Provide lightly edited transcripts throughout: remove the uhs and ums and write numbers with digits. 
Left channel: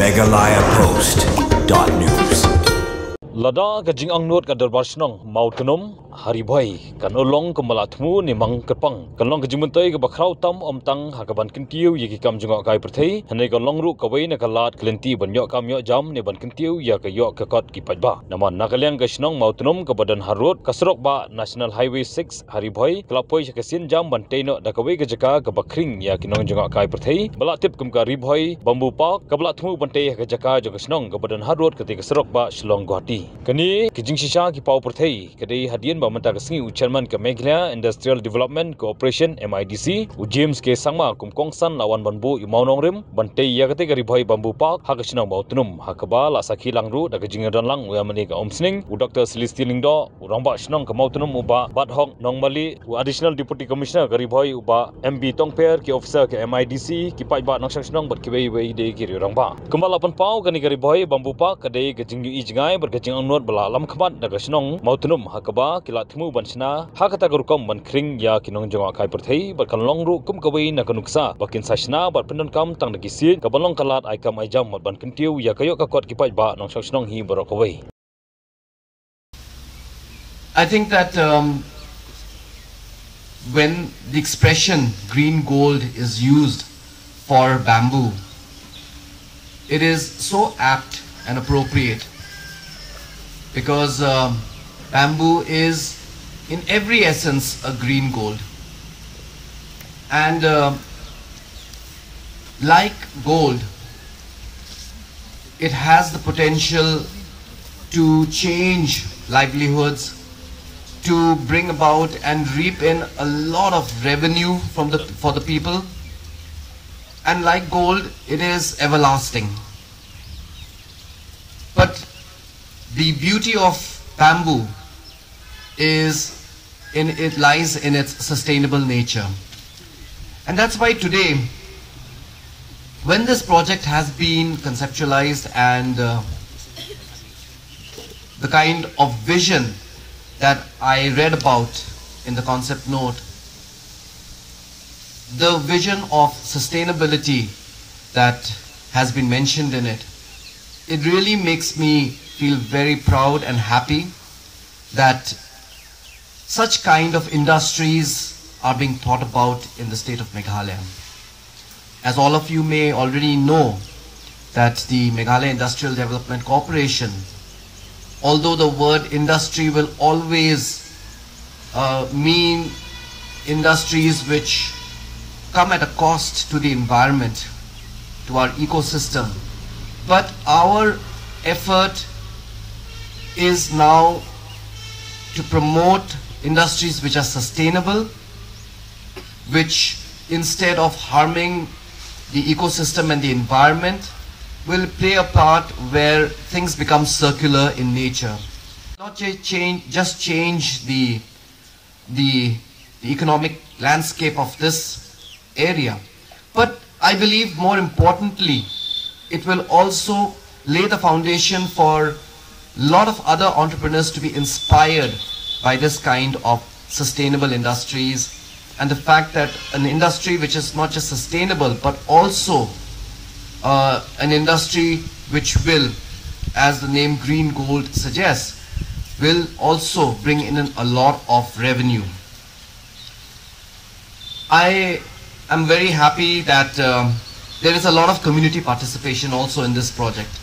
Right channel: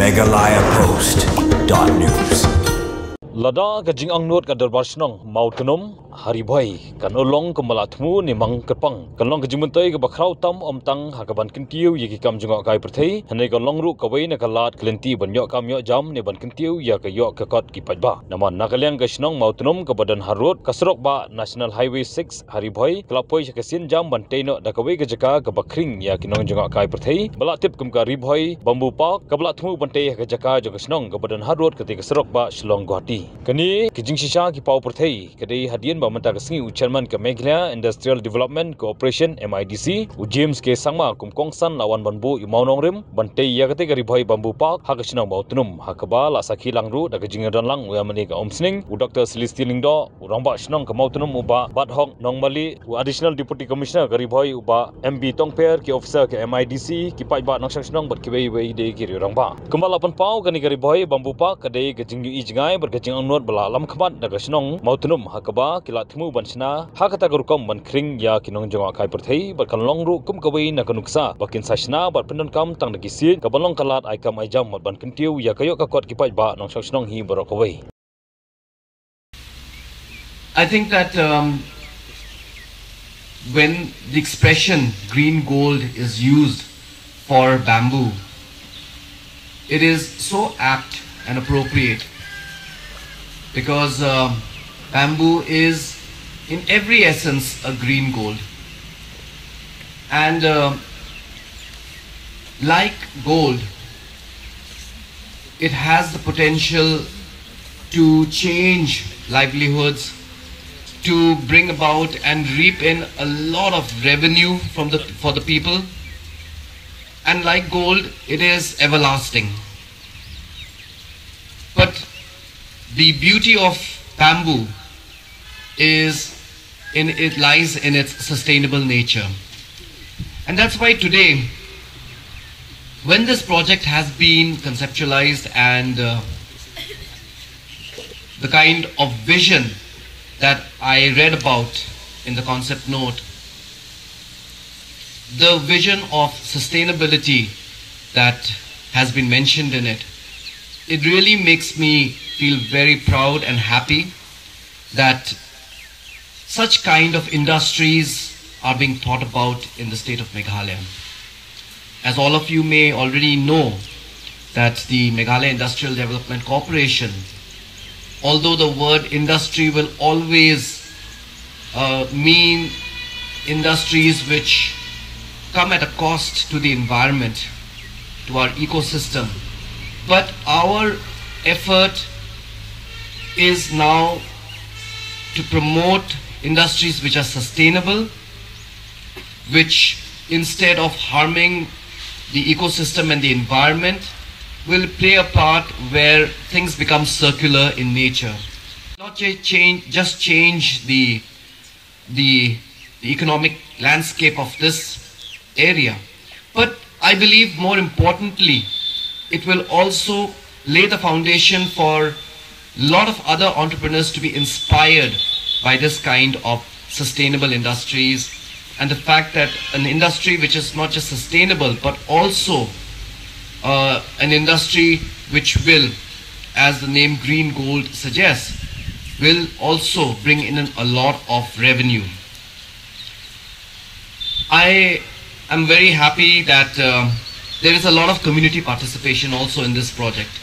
megalayapost.news. Lada gajing angnot kadar barsnong mautunum haribhai kan olong kemalatmu ni mang kepang kanlong gajimutoi ke bakrau tam omtang hakaban kintiu yeki kam junga kai perthei hanai kanlong ru kawai na kalat klenti banyo kamyo jam ni ban kintiu ya kayo kakot ki pajba naman nakalyang gasnong mautunum ke badan harut kasrok ba National Highway 6 haribhai klapoi kesin jam banteino da kawai gajaka ke bakring ya kinong junga kai perthei balatip kum ka ribhai bambu park kabalatmu bantei gajaka jogasnong ke badan harut ketika kasrok ba Shillong Guwahati kini kijing sisa ki pau perthei kadai hadian ba menta kesingi chairman ke Meghalaya Industrial Development Corporation MIDC James ke sangma kum kongsan lawan banbu imaunong rim bantei ya kate gari bhai bambu park hakasnang bautunum hakaba la sakhi langru da kijing dan lang ya mani ka omsning Dr. Celestin Lingdo urangba shnong ka mautunum uba badhong nongmali additional deputy commissioner gari bhai uba MB Tongper ki officer ke MIDC ki paiba nongsang shnong bat ki wei de ki urangba kembala pan pau kani gari bhai bambu park kadai kijing yu ijngai berkajing angnot bala lam khamat daga shnong mautunum hakaba kilatmu bansna hakata gurukom ban kring ya kinong jonga kai perthei barkan longru kum kawai na kanuksa bakin sashna bar pendon kam tang dagi sin kabalong kalat aikam aijam mat ban kintiu ya kayo kakot kipai ba nong shnong hi barokawai. I think that when the expression green gold is used for bamboo, it is so apt and appropriate because bamboo is in every essence a green gold, and like gold, it has the potential to change livelihoods, to bring about and reap in a lot of revenue for the people, and like gold, it is everlasting. But the beauty of bamboo lies in its sustainable nature. And that's why today, when this project has been conceptualized and the kind of vision that I read about in the concept note, the vision of sustainability that has been mentioned in it, it really makes me feel very proud and happy that such kind of industries are being thought about in the state of Meghalaya. As all of you may already know, that the Meghalaya Industrial Development Corporation, although the word industry will always mean industries which come at a cost to the environment, to our ecosystem, but our effort is now to promote industries which are sustainable, which instead of harming the ecosystem and the environment, will play a part where things become circular in nature. Not just change the economic landscape of this area, but I believe more importantly, it will also lay the foundation for a lot of other entrepreneurs to be inspired by this kind of sustainable industries, and the fact that an industry which is not just sustainable but also an industry which will, as the name green gold suggests, will also bring in a lot of revenue. I am very happy that there is a lot of community participation also in this project,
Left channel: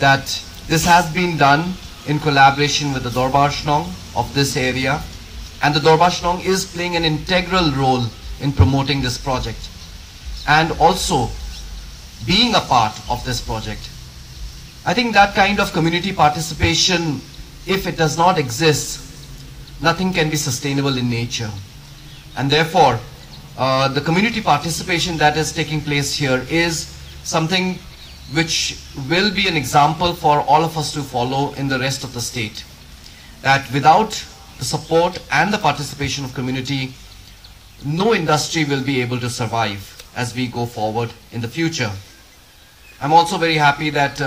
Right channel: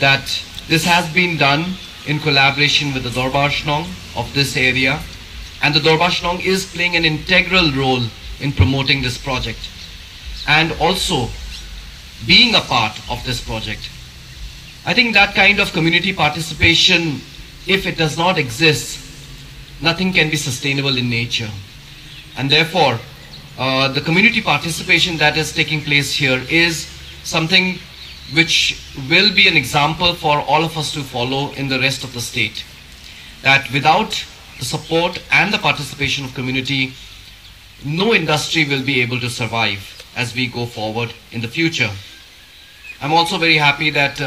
that this has been done in collaboration with the Dorbar Shnong of this area, and the Dorbar Shnong is playing an integral role in promoting this project and also being a part of this project. I think that kind of community participation, if it does not exist, nothing can be sustainable in nature. And therefore, the community participation that is taking place here is something which will be an example for all of us to follow in the rest of the state. That without the support and the participation of community, no industry will be able to survive as we go forward in the future. I'm also very happy that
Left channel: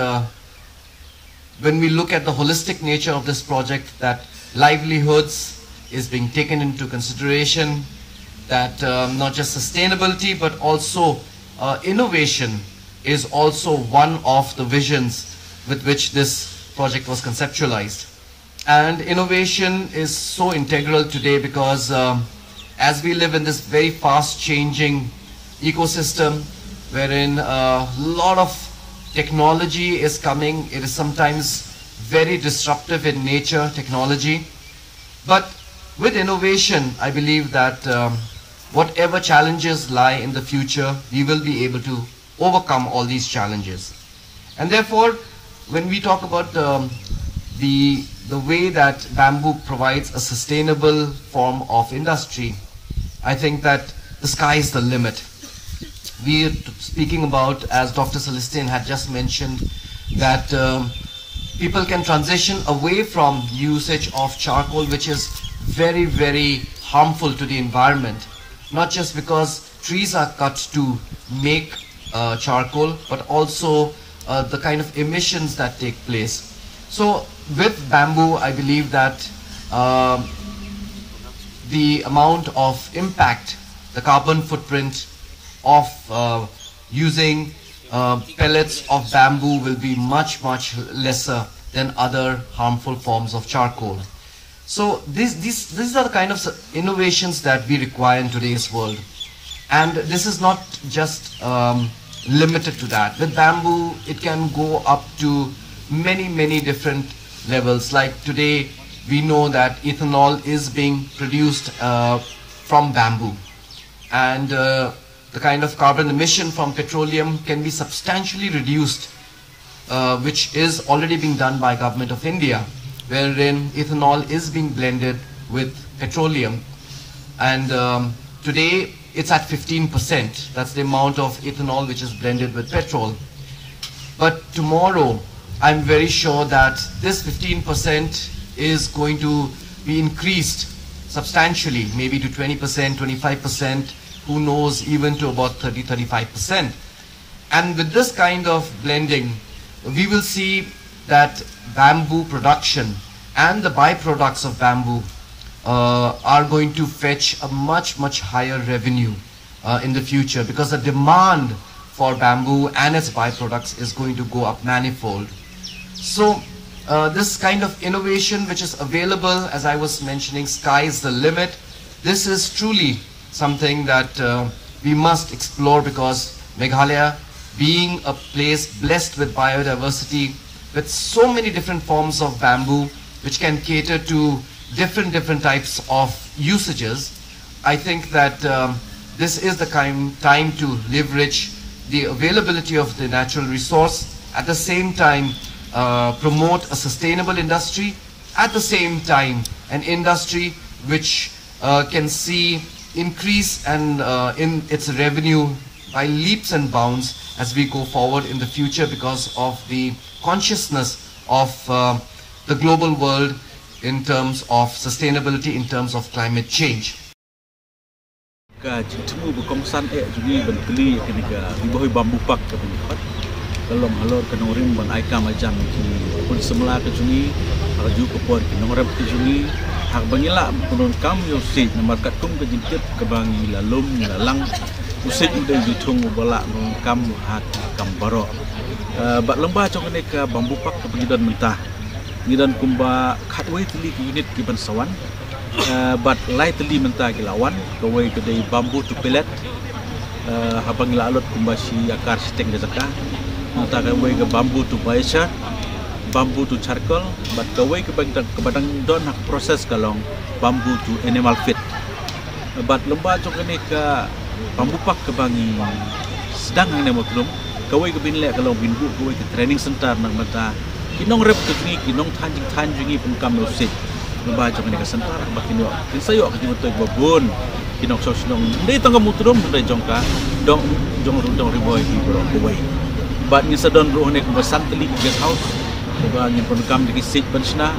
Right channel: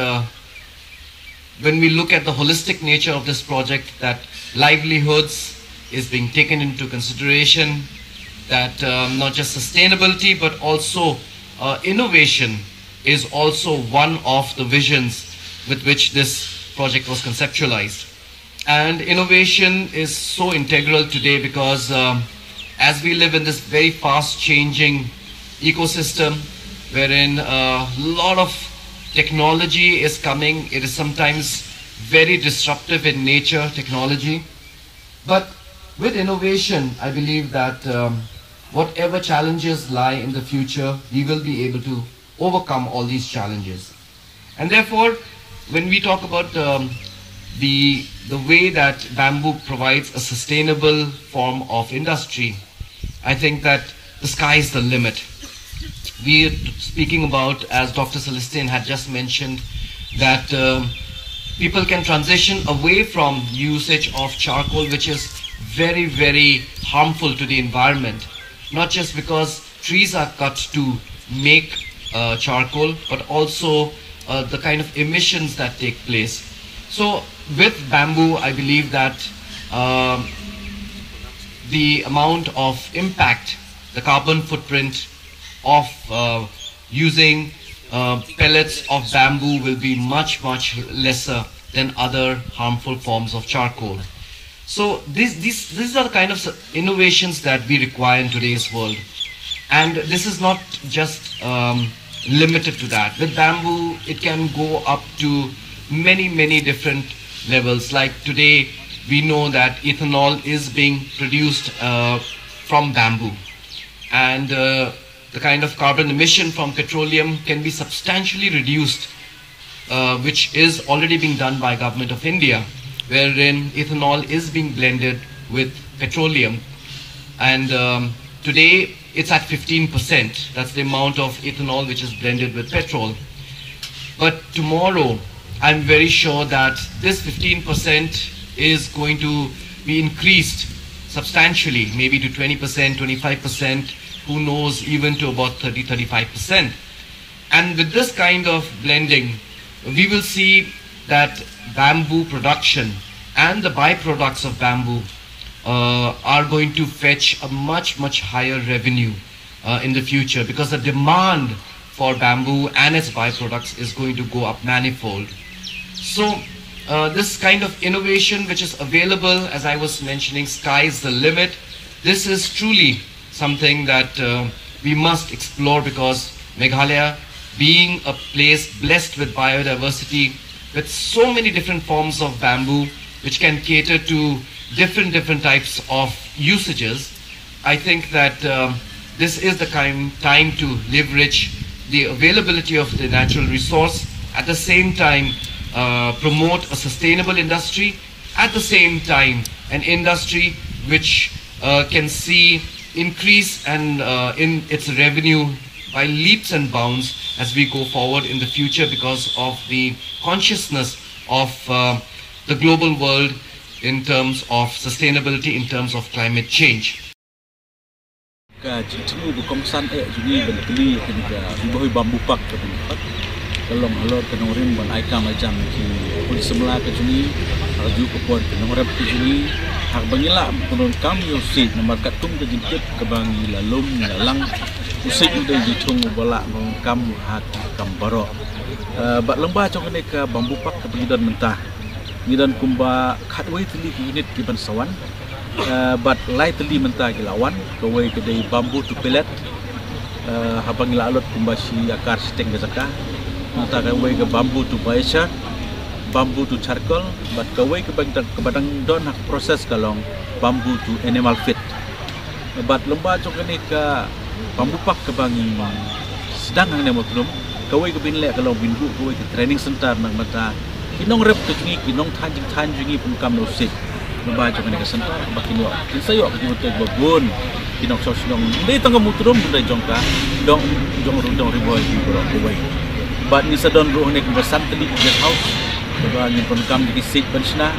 when we look at the holistic nature of this project, that livelihoods is being taken into consideration, that not just sustainability but also innovation is also one of the visions with which this project was conceptualized. And innovation is so integral today because as we live in this very fast changing ecosystem wherein a lot of technology is coming, it is sometimes very disruptive in nature, technology. But with innovation, I believe that whatever challenges lie in the future, we will be able to overcome all these challenges. And therefore, when we talk about the way that bamboo provides a sustainable form of industry, I think that the sky is the limit. We are speaking about, as Dr. Celestine had just mentioned, that people can transition away from usage of charcoal, which is very, very harmful to the environment. Not just because trees are cut to make charcoal, but also the kind of emissions that take place. So with bamboo, I believe that the amount of impact, the carbon footprint of using pellets of bamboo will be much, much lesser than other harmful forms of charcoal. So these are the kind of innovations that we require in today's world. And this is not just limited to that. With bamboo, it can go up to many, many different levels. Like today, we know that ethanol is being produced from bamboo. And the kind of carbon emission from petroleum can be substantially reduced, which is already being done by Government of India, wherein ethanol is being blended with petroleum. And today, it's at 15%. That's the amount of ethanol which is blended with petrol. But tomorrow, I'm very sure that this 15% is going to be increased substantially, maybe to 20%, 25%, who knows, even to about 30-35%. And with this kind of blending, we will see that bamboo production and the byproducts of bamboo are going to fetch a much, much higher revenue in the future, because the demand for bamboo and its byproducts is going to go up manifold. So this kind of innovation which is available, as I was mentioning, sky is the limit. This is truly something that we must explore, because Meghalaya, being a place blessed with biodiversity, with so many different forms of bamboo which can cater to different types of usages, I think that this is the time to leverage the availability of the natural resource, at the same time promote a sustainable industry, at the same time an industry which can see increase and in its revenue by leaps and bounds as we go forward in the future, because of the consciousness of the global world in terms of sustainability, in terms of climate change. Citmu berkomsan juga berkeli ketika bohoi bambu pak kebenkot kalau alor kenorim ban aika macam ki pun semula ke jungi arju ke pon kenorem ke jungi hak bangila penon kam yosi nomor katung ke jintip ke bangi lalum lalang usik udah jitung bola kam hak kam baro bat lembah cong ke bambu pak ke pengidan mentah ngidan kumba khatway tili ke unit ke bansawan bat lai teli mentah gilawan kawai kedai bambu tu pellet habang gilalot kumbashi akar stek gazaka nata kawai ke bambu tu baisha bambu tu charcoal bat kawai ke badang don hak proses kalong bambu tu animal feed bat lembah cokene ke bambu pak ke bangi sedang hang nemo tulum kawai ke binle kalong binbu kawai ke training center nang mata kinong rep ke jungi kinong tanjing pun kam no sit lembah cokene ke center bakinyo kin sayo ke jumotoy babon kinong sosnong ndai tangga mutrum ndai jongka dong riboy di bro kawai bat ni sadon ruh nek besan teli guest house coba ni pun kam di sit pensna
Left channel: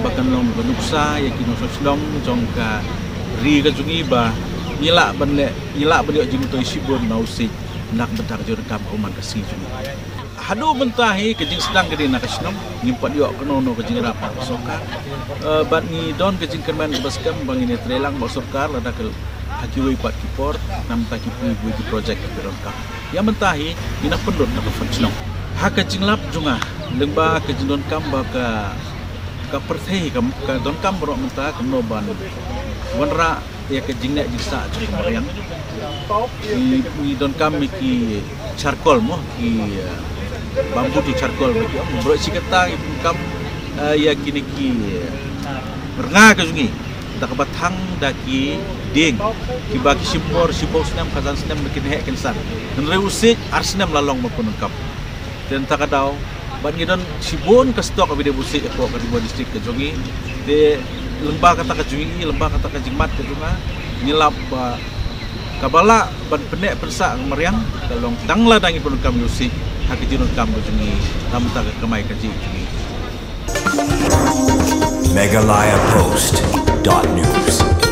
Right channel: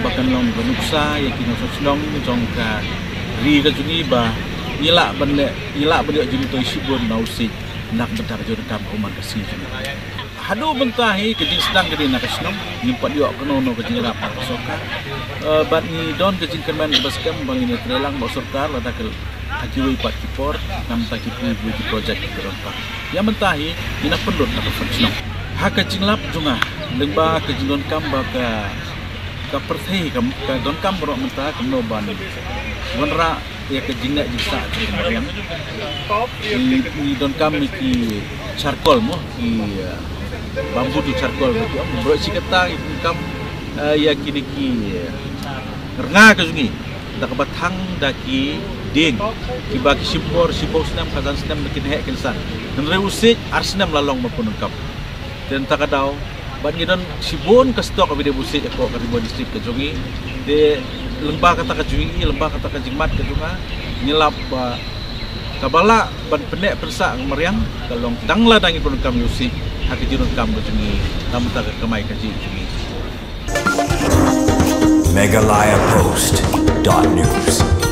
bahkan long benuksa ya kinong sosnong jongka ri ke jungi ba nyila benle nyila benyo jumotoy sibon no sit nak bentar jor kam uman kasih hadu bentahi kejing sedang ke dina kasnom nyimpat yo kenono kejing rapat sokar bat ni don kejing kerman baskam bangini trelang bo sorkar lada ke hakiway pat kipor nam ta kipu with project peron ka ya mentahi ina pendot na functional haka jinglap junga lengba ke jindon kam ba ka perthei ka don kam ro menta kam no ban wanra ya ke jingna jisa kemarian ni don kam ki charcoal mo ki bambu tu charcoal bagi om bro sikata kam ya kini ki renga ke jungi da ka batang da ki ding ki bagi simpor snam khazan snam bikin hek kensan dan reusik arsenam lalong mapun kam dan takadau ban ngidon sibon ka stok abi de busik ko ka ribo distrik ke jongi de lembah kata ka jungi lembah kata ka jingmat ke junga nyelap kabala ban penek persa meriang kalong dangla dangi pun kam usik hak jinon kam ke jungi tam ta ka kamai ka ji jungi Meghalaya Post.news